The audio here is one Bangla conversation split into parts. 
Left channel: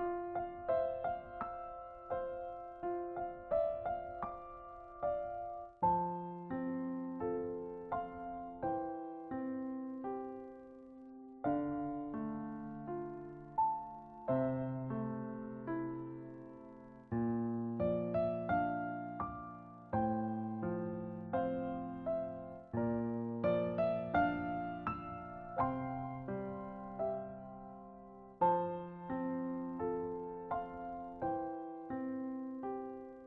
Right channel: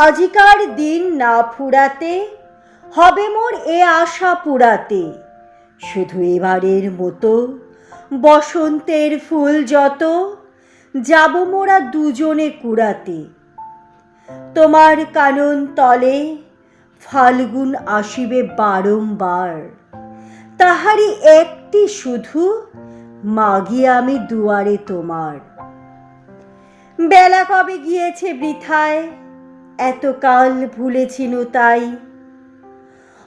আজিকার দিন না ফুরাতে হবে মোর এ আশা পুরাতে। শুধু এবারের মতো বসন্তের ফুল যত যাব মোরা দুজনে কুড়াতে। তোমার কানন তলে ফাল্গুন আসিবে বারংবার, তাহারি একটি শুধু মাগি আমি দুয়ারে তোমার। বেলা কবে গিয়েছে বৃথায়, এতকাল ভুলেছিনু তাই।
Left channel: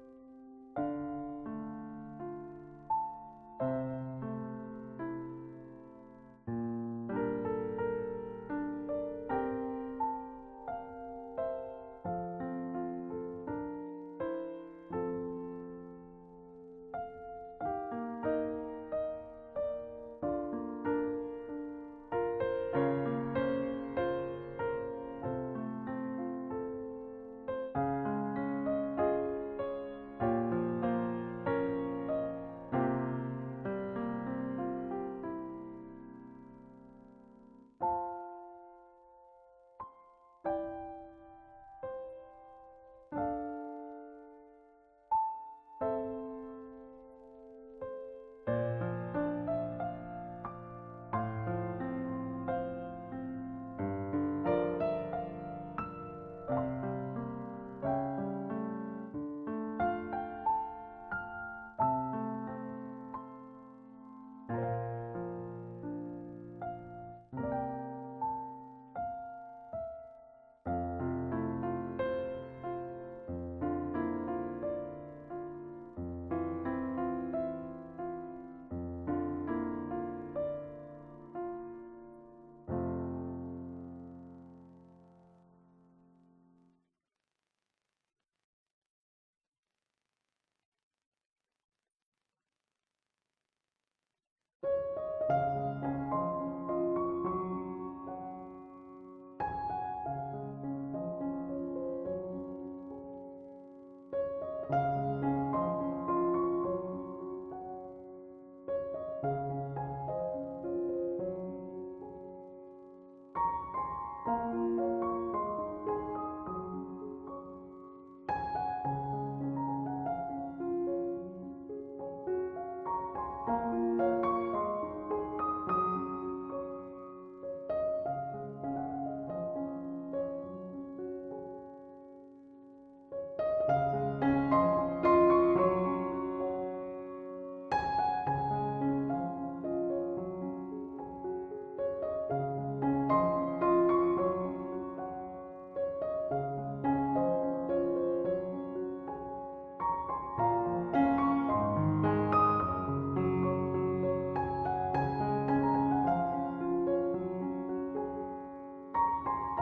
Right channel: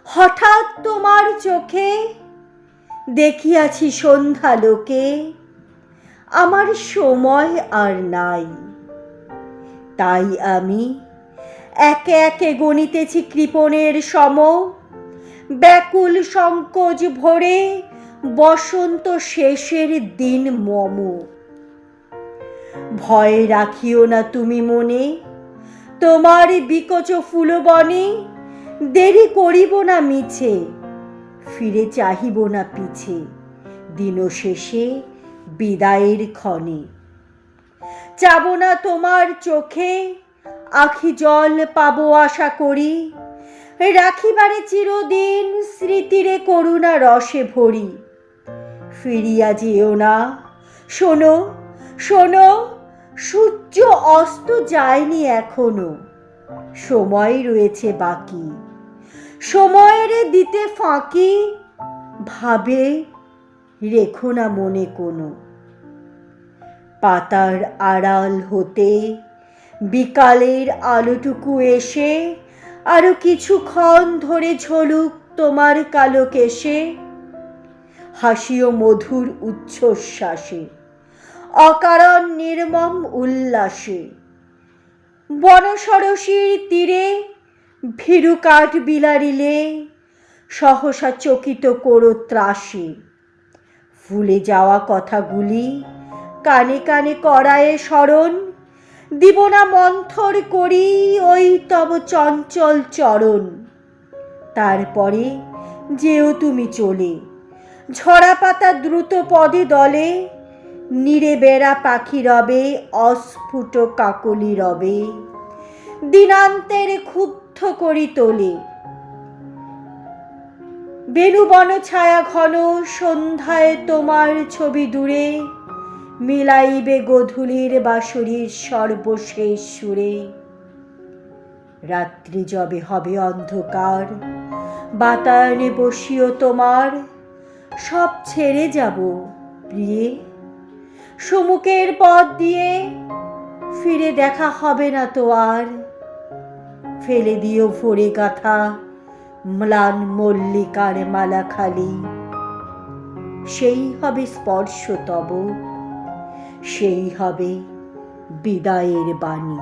হঠাৎ তোমার চোখে দেখিয়াছি সন্ধ্যা লোকে, আমার সময় আর নাই। তাই আমি একে একে গণিতেছি কৃপণের সম, ব্যাকুল সংকোচ ভরে বসন্ত শেষের দিন মম। ভয় রাখিও না তুমি মনে, তোমার বিকচ ফুলবনে দেরি করিব না মিছে, ফিরে চাহিব না পিছে দিন শেষে বিদায়ের ক্ষণে। যাব না তোমার চোখে আখি জল পাবো আশা করি, রাখিবারে চিরদিন স্মৃতিরে করুণা রসে ভরি। ফিরিয়া যেও না, শোনো শোনো, সূর্য অস্ত যায়নি এখনো, সময় রয়েছে বাকি, সময়ের দিতে ফাঁকি। ভাবে রেখো না মনে কোনো। পাতার আড়াল হতে বিকালের আলোটুকু এসে আরো কিছুক্ষণ ধরে ঝলুক তোমার কালো কেশে। হাসিও মধুর উচ্ছ্বাসে, অকারণ নির্মম উল্লাসে। বনসরসীর তীরে ভীরু কাঠ বিলারিলে সহসা চকিত করো ত্রাসে। ভুলে যাওয়া কথাগুলি কানে কানে করায়ে স্মরণ, দিব না মন্থর করি ওই তব চঞ্চল চরণ। তারপরে যেও তুমি চলে, ঝরা পাতা দ্রুত পদে দলে, নীরে বেড়া পাখি রবে, অস্ফুট কাকলি রবে, দিনান্তের ক্ষুব্ধ করি তোলে। বেণুবন ছায়া ঘন সন্ধ্যায় তোমার ছবি দূরে, মিলাইবে গোধূলির বাঁশরীর সর্বশেষ সুরে। রাত্রি যবে হবে অন্ধকার, বাতায়নে বসিও তোমার, সব ছেড়ে যাব প্রিয়ে, সমুখের পথ দিয়ে ফিরে দেখা হবে না তো আর। ফেলে দিও ভরে গাথা ম্লান মল্লিকার মালা খালি, সেই হবে স্পর্শ তব, সেই হবে বিদায়ের বাণী।